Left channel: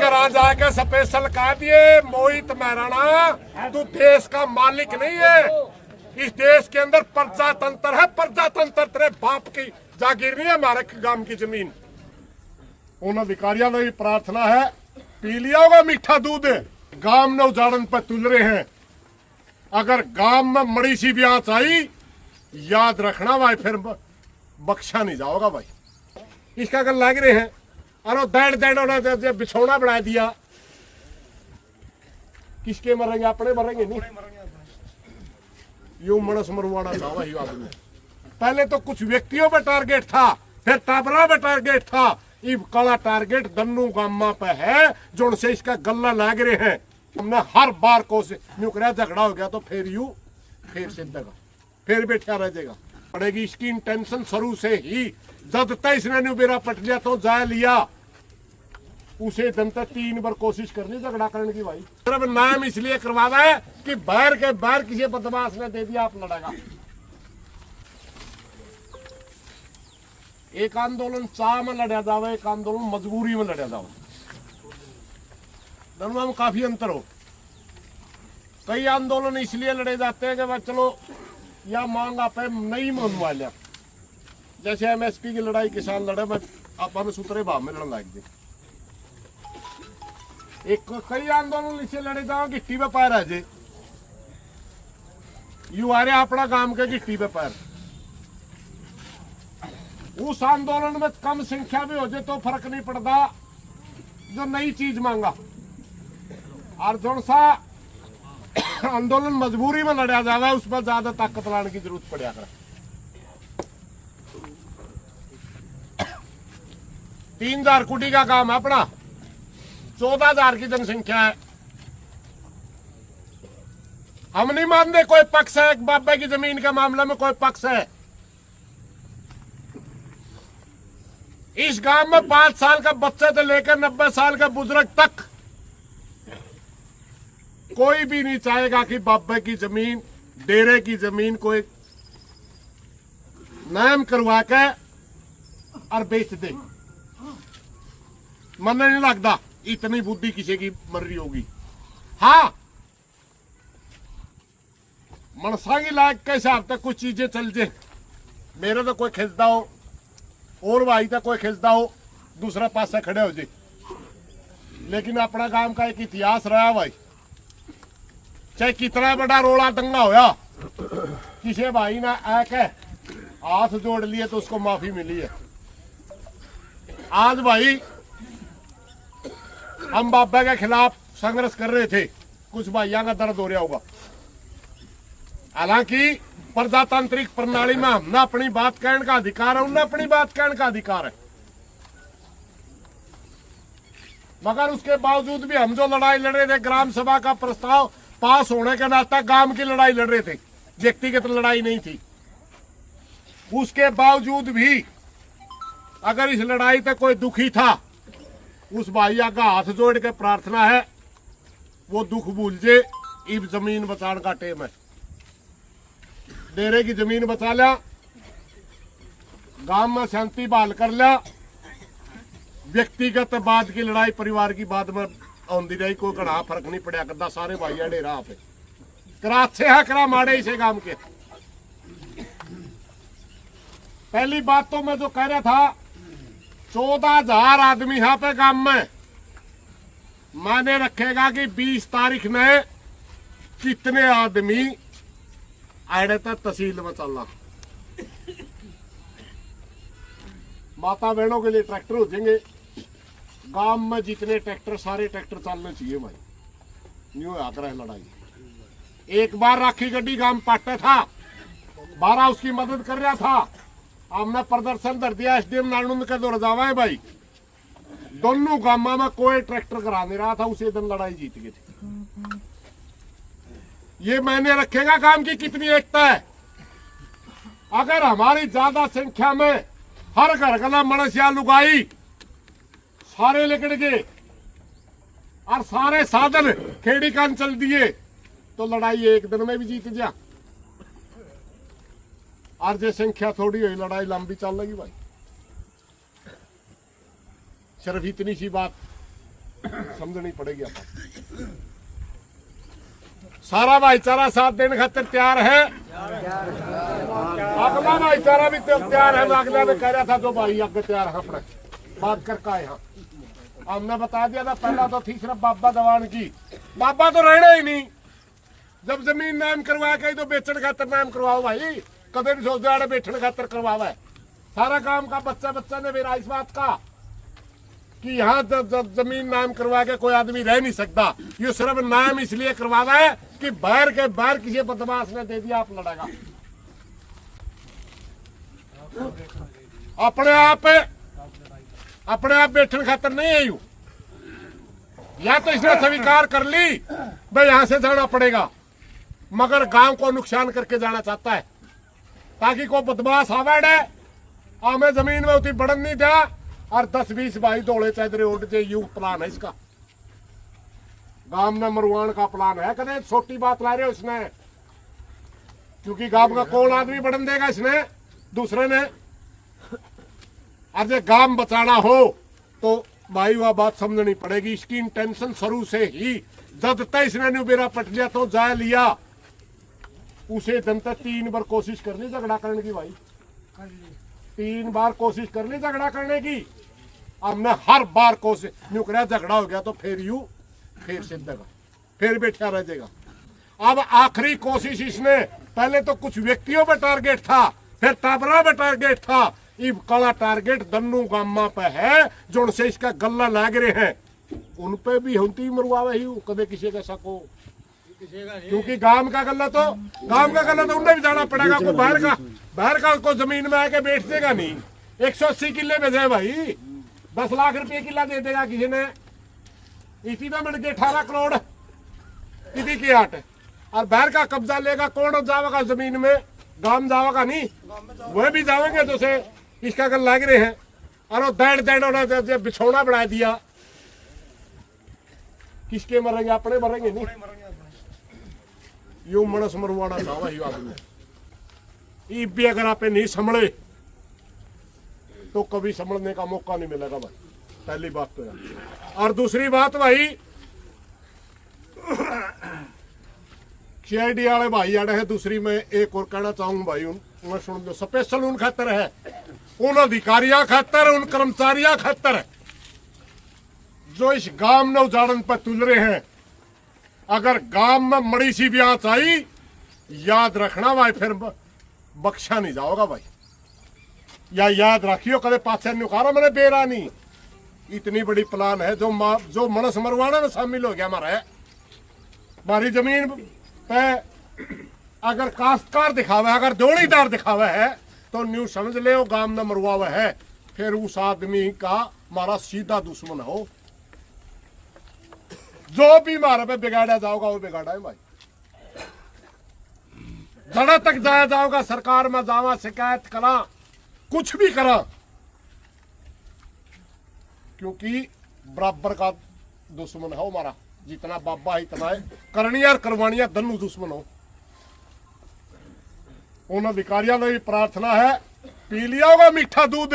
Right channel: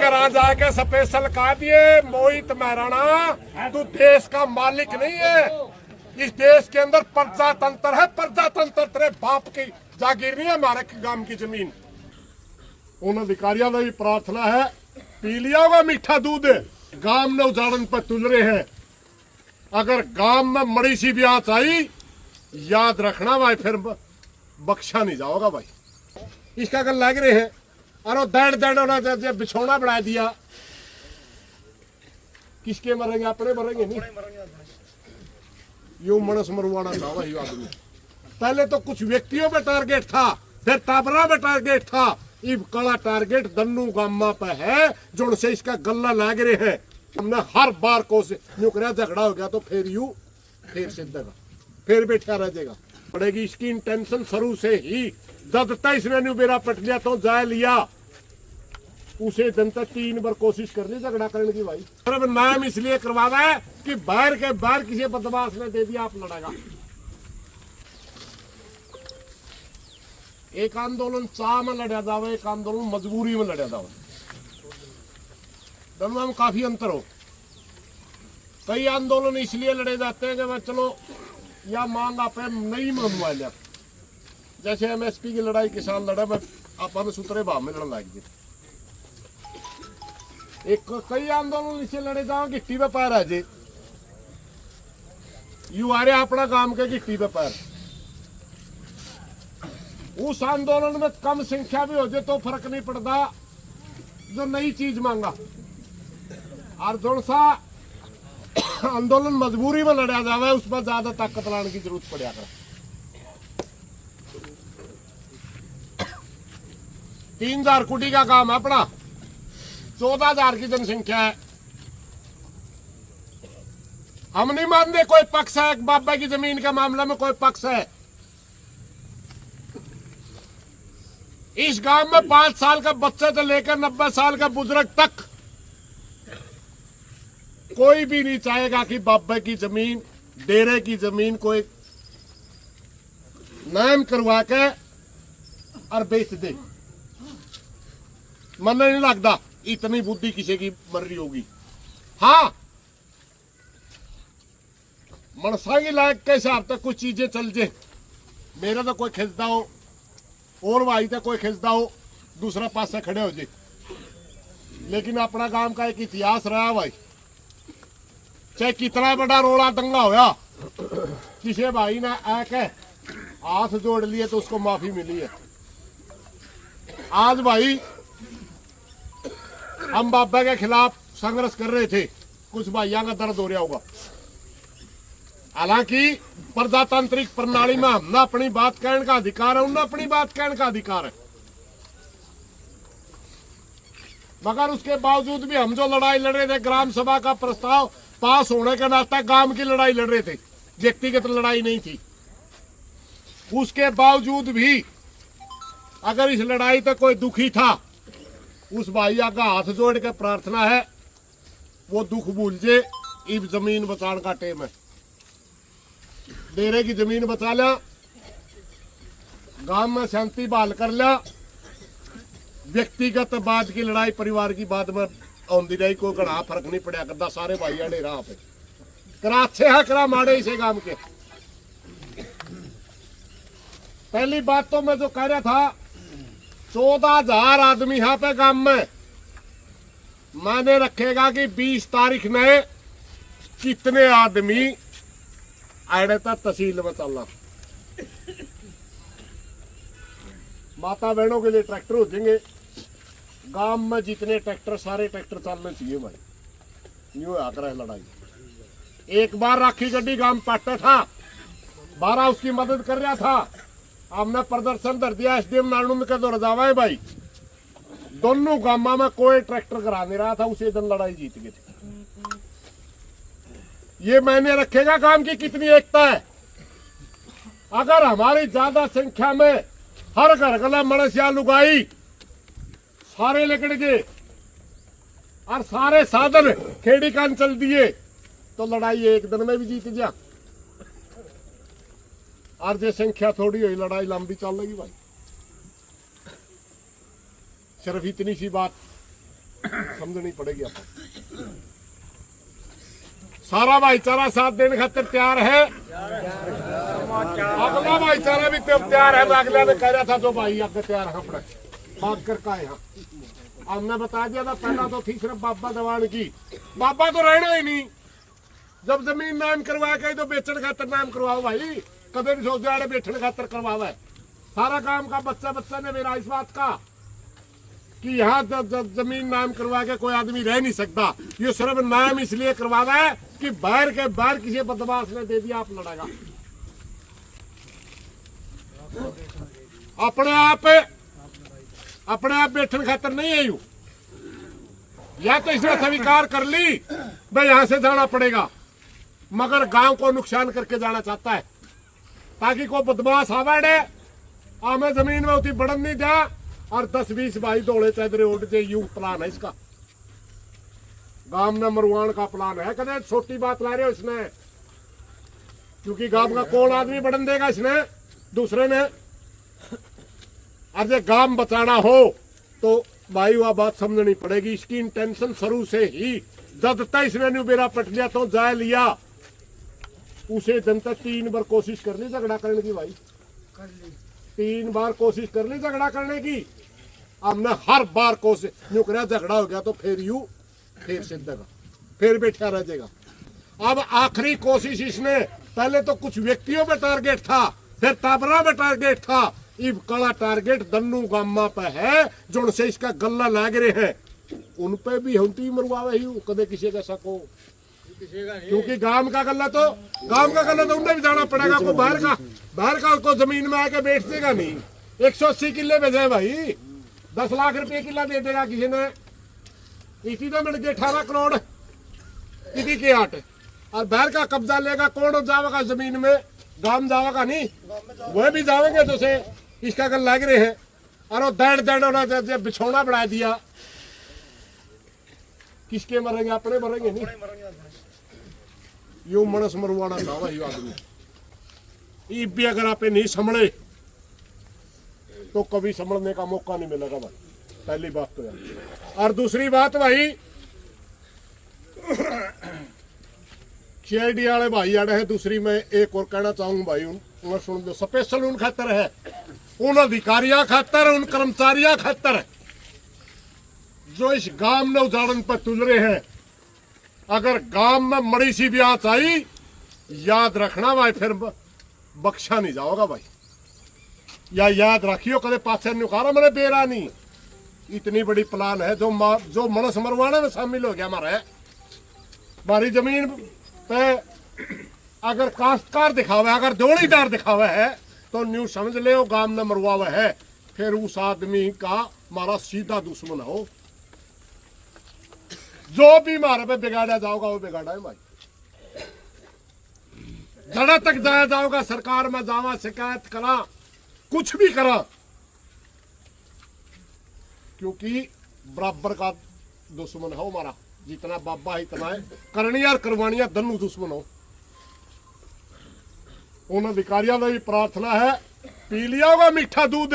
घर जाके स्पेशल कहा दिए मोहित महराणा तू देश का मालिक नहीं है। इस देश के अंदर प्रजातंत्र है, प्रजातंत्र तेरे बाप की जागीर नहीं है, हमारे गांव की जमीन। उन अधिकारियों में भी प्रार्थना है, पी लिया होगा मीठा दूध, गांव में उजाड़न पर तुल रहे हैं। अगर गांव में मड़ी सी भी आंच आई, याद रखना भाई, फिर बख्शा नहीं जाओगा भाई। इसका गल लग रहे हैं, अरे दैड दैड होना बिछौना बढ़ा दिया, किसके मरेंगे? अपने मरेंगे नहीं। यो मनस मरवाना था वही आदमी। पहले तो कुछ व्यक्तियों पे टारगेट था, फिर टाबरा पे टारगेट था, इब कड़ा टारगेट दन्नू गामा पे है, जो उनसे इसका गल्ला लाग रहे हैं। हमने हर बार कोशिश नुकरा झगड़ा हो गया तो फिर सिद्धेगा, फिर बैठा रह जाएगा। पड़ेगी इसकी इंटेंशन शुरू से ही, जब तक इसने न्यूबेरा पट लिया तो जाए लिया, उसे दिन तक 3 बार कोशिश करनी झगड़ा करने की भाई। सिर्फ नाम इसलिए करवाना है कि बाहर के बाहर किसी बदमाश ने दे दिया, आप लड़ेगा। एक आंदोलन चाह में लड़ा जावे, एक आंदोलन मजबूरी में लड़ा जावे, दोनों में काफी अंतर हो। कई आंदोलन इसलिए लड़े जाते हैं कि वह चलो या मांग आप नहीं मनवा लिया, जैसे एमएसपी की लड़ाई किसान लड़े, मैं अपन सूत्रे भाव में लड़न लग गए। एक कई आंदोलन इसे लड़े जाओ गिट्टी पे पैर है जे, यू आ रहे अपना काम के गिट्टी पे पैर। उस आंदोलन में कम संख्या भी हो जाए तो फर्क नहीं पड़ता, जो नई चीज मांगा। और जो सा आंदोलन मजबूरी में लड़ा जावे, उसमें ज्यादा ताकत लाने की जरूरत पड़ा कर। 3000 कुटी का काम है अपना, 14,000 की जनसंख्या है। हम नहीं मानते कोई पक्ष है, एक बाबा की जमीन के मामले में कोई पक्ष है। इस गांव में 5 साल का बच्चे से लेकर 90 साल का बुजुर्ग तक कोई भी नहीं चाहेगा कि बाबा की जमीन, डेरे की जमीन कोई नाम करवा के और बेच दे। मन नहीं लगता इतनी बुद्धि किसी की मर रही होगी। हाँ, मनसा की लायक के हिसाब तक कुछ चीजें चल जाए, मेरा तो कोई खिंचता हो और भाई तो कोई खिंचता हो, दूसरा पास से खड़े हो जाए। लेकिन अपना गांव का एक इतिहास रहा भाई, चाहे कितना बड़ा रोड़ा दंगा होया, किसी भाई ने आके हाथ जोड़ लिए तो उसको माफी मिली है। आज भाई हम बाबा के खिलाफ संघर्ष कर रहे थे, कुछ भाइयों का दर्द हो रहा होगा। हालांकि प्रजातांत्रिक प्रणाली में हमने अपनी बात कहने का अधिकार है, उनने अपनी बात कहने का अधिकार है, मगर उसके बावजूद भी हम जो लड़ाई लड़ रहे थे, ग्राम सभा का प्रस्ताव पास होने के नाते गांव की लड़ाई लड़ रहे थे, व्यक्तिगत लड़ाई नहीं थी। उसके बावजूद भी अगर इस लड़ाई पे कोई दुखी था, उस भाइया का हाथ जोड़ के प्रार्थना है वो दुख भूल जे। इब जमीन बचाने का टेम है, डेरे की जमीन बचा लिया, गांव में शांति बहाल कर लिया, व्यक्तिगत बाद की लड़ाई परिवार की बाद में आंदी रही, कोई घना फर्क नहीं पड़ा करता। सारे भाइया डेरा पे करा अच्छे है, करा माड़े इसे गांव के। पहली बात तो मैं जो कह रहा था, 14,000 आदमी यहाँ पे गांव में, माने रखेगा कि 20 तारीख में कितने आदमी आड़े तक तहसील में चलना। माता बहनों के लिए ट्रैक्टर हो जाएंगे गांव में, जितने ट्रैक्टर सारे ट्रैक्टर चलने चाहिए भाई, न्यू हाथ रहे लड़ाई। एक बार राखी गड्डी गांव पाटा था, 12 उसकी मदद कर रहा था, हमने प्रदर्शन कर दिया एसडीएम नानुंद के दौर जावा है भाई, दोनों गांव में कोई ट्रैक्टर करा नहीं रहा था, उसी दिन लड़ाई जीत गए थे। ये मायने रखेगा काम की कितनी एकता है। अगर हमारी ज्यादा संख्या में हर घर गला मणसिया लुगाई सारे लेकर गए और सारे साधन खेड़ी कान चल दिए तो लड़ाई एक दिन में भी जीत जा। और जो संख्या थोड़ी हुई लड़ाई लंबी चल लगी भाई। सिर्फ इतनी सी बात समझनी पड़ेगी। आप सारा भाईचारा साथ देने खातिर तैयार है। अगला भाईचारा भी तैयार है। अगला ने कह रहा था जो भाई आगे तैयार है अपने बात कर का यहाँ हमने बता दिया था। पहला तो थी सिर्फ बाबा दवान की, बाबा तो रहना ही नहीं। जब जमीन नाम करवा के तो बेचने खातर नाम करवाओ भाई, कदे नहीं सोचते आड़े बैठने खातर करवावा है। सारा काम का बच्चा ने मेरा इस बात का कि यहाँ जमीन नाम करवा के कोई आदमी रह नहीं सकता। ये सिर्फ नाम इसलिए करवावा है कि बाहर के बाहर किसी बदमाश ने दे दिया आप लड़ेगा। अपने आप बैठने खातर नहीं है। यू या तो इसने स्वीकार कर ली भाई यहां से जाना पड़ेगा, मगर गांव को नुकसान करके जाना चाहता है ताकि कोई बदमाश आवाड़े हमें जमीन में उतनी बढ़न नहीं दिया और 10-20 भाई दौड़े चादरे उठ जाए। यू प्लान है इसका। गांव में मरवान का प्लान है। कदे छोटी बात ला रहे हो इसने, क्योंकि गांव का कौन आदमी बढ़न देगा इसने दूसरे ने। अब गांव बचाना हो तो भाई वह बात समझनी पड़ेगी। इसकी इंटेंशन शुरू से ही जब तक इसने न्यूबेरा पट लिया तो जाए लिया उसे दिन तक 3 बार कोशिश कर ली झगड़ा करने की। भाई 3 बार कोशिश कर ली झगड़ा करने की। हमने हर बार कोशिश न्यू कर झगड़ा हो गया तो फिर सिद्धेगा, फिर बैठा रह जाएगा। अब आखिरी कोशिश इसने, पहले तो कुछ व्यक्तियों पे टारगेट था, फिर टाबरा पे टारगेट था। इब कला टारगेट दन्नू गामा पे है जो उनसे इसका गल्ला लाग रहे हैं उन पे भी होती मरवावे ही कदे किसी का सको। क्योंकि गांव का गल्ला तो उन्हें भी जाना पड़ेगा। को बाहर का को जमीन में आके बैठ देगा नहीं। 180 किले में जाए भाई 10 लाख रुपए किला दे देगा किसी ने। इसी तो मिल गए 18 करोड़ इसी की आट और बाहर का कब्जा लेगा कौन जाएगा जमीन में? गांव जाएगा नहीं, वह भी जाएंगे तो से इसका गल लग रहे हैं। और वो दड़ बिछौना बढ़ा दिया। किसके मरेंगे? अपने मरेंगे नहीं। यू मनस मरवाना चाहवा यू आदमी। भी अगर आप नहीं संभले तो कभी संभलने का मौका नहीं मिलेगा भाई। पहली बात तो यार। और दूसरी बात भाई सीआईडी वाले भाई आड़े है। दूसरी मैं एक और कहना चाहूंगा भाई सुन दो। स्पेशल उन खातर है, उन अधिकारियों खातर, उन कर्मचारियों खातर जो इस गांव में उजाड़न पर तुल रहे हैं। अगर गांव में मड़ी सी भी आंच आई याद रखना भाई फिर बख्शा नहीं जाओगा भाई। या याद रखियो कदे पाछे निकालो मैंने बेरा नहीं। इतनी बड़ी प्लान है जो मनस मरवाने में शामिल हो गया हमारी जमीन पे। अगर काश्तकार दिखावा, अगर दौड़ीदार दिखावा है तो न्यू समझ ले वो गांव में मरवावा है। फिर उस आदमी का हमारा सीधा दुश्मन हो। जो भी हमारे पे बिगाड़ा जाओगा वो बिगाड़ा है भाई। जड़ा तक जाया जाओगा, सरकार में जावा, शिकायत करा, कुछ भी करा, क्योंकि बराबर का दुश्मन है हमारा। जितना बाबा है इतना है। करनिया और करवानिया दोनों दुश्मन हो। उन अधिकारियों की प्रार्थना है पी लिया होगा मीठा दूध,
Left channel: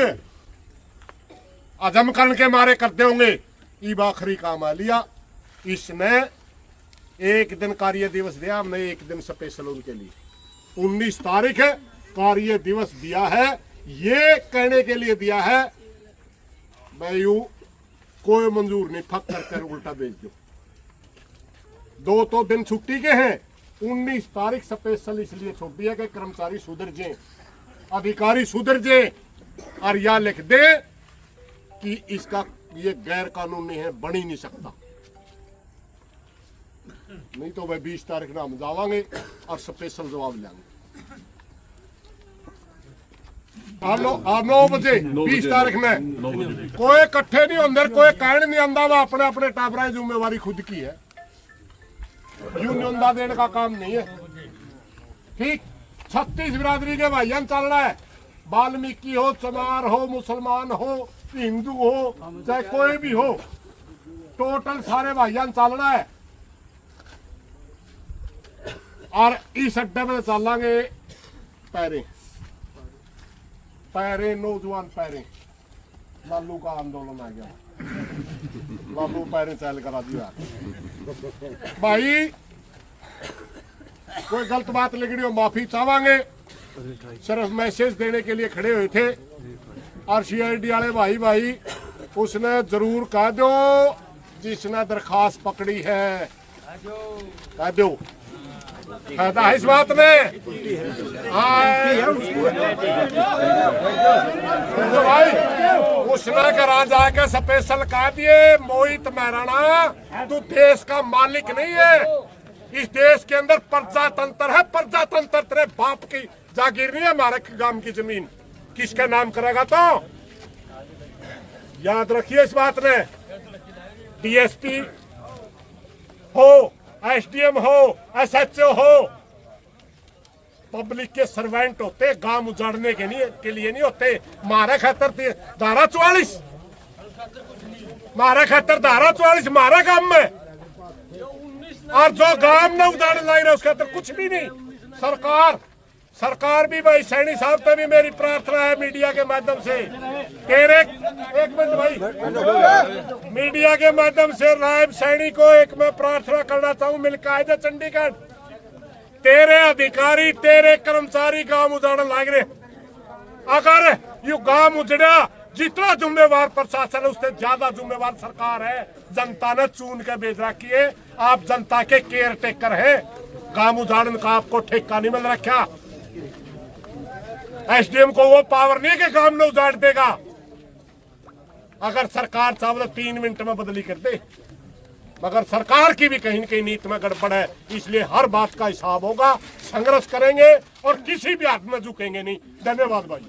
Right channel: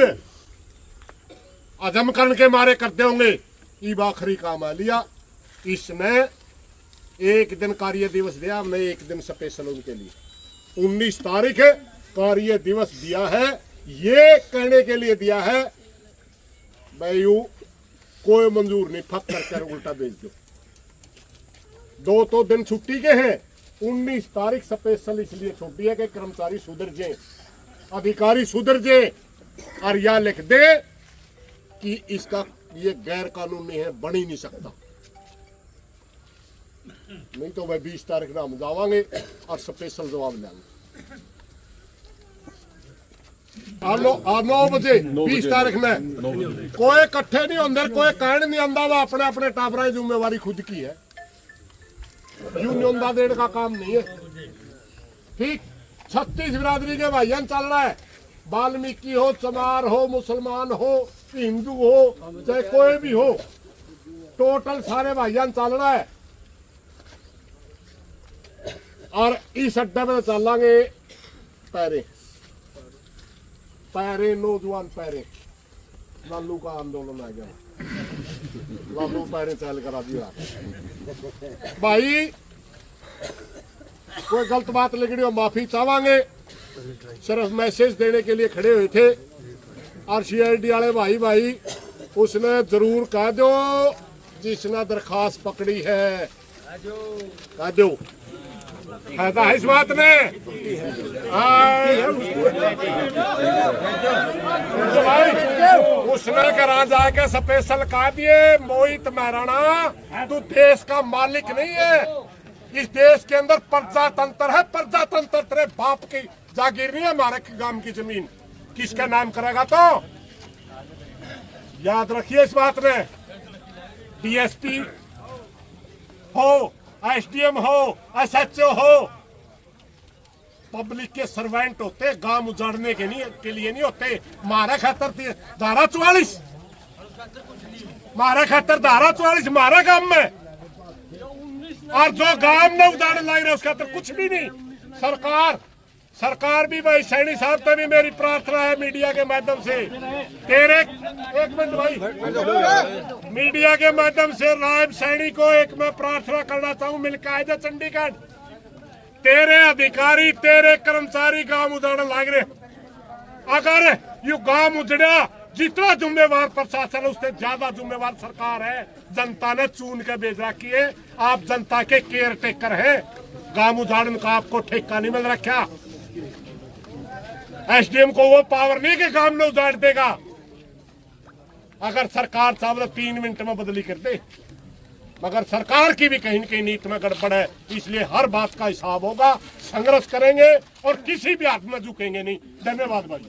अजम करने के मारे करते होंगे। ईब आखिरी काम आ लिया। इसने एक दिन कार्य दिवस दिया, हमने एक दिन स्पेशल उनके लिए 19 तारीख कार्य दिवस दिया है। ये कहने के लिए दिया है भाई यू कोई मंजूर नहीं, फक करके उल्टा भेज दो। 2 तो दिन छुट्टी के हैं। 19 तारीख स्पेशल इसलिए छुट्टी है कि कर्मचारी सुधर जाए, अधिकारी सुधर जाए और या लिख दे कि इसका ये गैर कानूनी है, बन ही नहीं सकता। नहीं तो वह 20 तारीख ना हम जावांगे और स्पेशल जवाब लेंगे। 9 बजे 20 तारीख में कोई इकट्ठे नहीं होंगे, कोई कहने नहीं आंदा। वह अपने अपने टाबरा जिम्मेवारी खुद की है। यूनियन का देने का काम नहीं है। ठीक 36 बिरादरी के भाईजान चल रहा है। वाल्मीकि हो, चमार हो, मुसलमान हो, हिंदू हो, चाहे कोई भी हो, टोटल सारे भाईजान चल रहा है। और इस अड्डे में चलेंगे पैरे नौजवान पैरे लालू का आंदोलन आ गया। बाबू पैरे चैल करा दिया भाई, कोई गलत बात लिखनी हो माफी चाहेंगे, सिर्फ मैसेज देने के लिए खड़े हुए थे। और CID वाले भाई उसने जरूर कह दो जिसने दरखास्त पकड़ी है, कह दो, फायदा है इस बात में। तो भाई उसने करा जाके स्पेशल कह दिए, मोहित महराणा तू देश का मालिक नहीं है, इस देश के अंदर प्रजातंत्र है, प्रजातंत्र तेरे बाप की जागीर नहीं है, हमारे गांव की जमीन किसका नाम करेगा? तो याद रखिए इस बात में, DSP हो, SDM हो, SHO हो, पब्लिक के सर्वेंट होते, गांव उजाड़ने के लिए नहीं होते। मारे खातर धारा 44, मारे खातर धारा 44 मारा गांव में, और जो गांव में उजाड़ लाई रहे उसके खातर कुछ भी नहीं। सरकार भी भाई सैनी साहब पे भी मेरी प्रार्थना है मीडिया के माध्यम से, तेरे एक मिनट भाई, मीडिया के माध्यम से नायब सैनी को एक मैं प्रार्थना करना चाहूँ, मिलकर आए थे चंडीगढ़, तेरे अधिकारी तेरे कर्मचारी गांव उजाड़न लाग रहे, अगर यू गांव उजड़ा जितना जुम्मेवार प्रशासन है उससे ज्यादा जुम्मेवार सरकार है। जनता ने चुन के भेज रखी है, आप जनता के केयर टेकर है, गांव उजाड़न का आपको ठेका नहीं मिल रखा। SDM को वो पावर नहीं कि गांव में उजाड़ देगा, अगर सरकार चाहे तो 3 मिनट में बदली कर दे, मगर सरकार की भी कहीं न कहीं नीति में गड़बड़ है, इसलिए हर बात का हिसाब होगा, संघर्ष करेंगे और किसी भी हाथ में झुकेंगे नहीं। धन्यवाद भाई।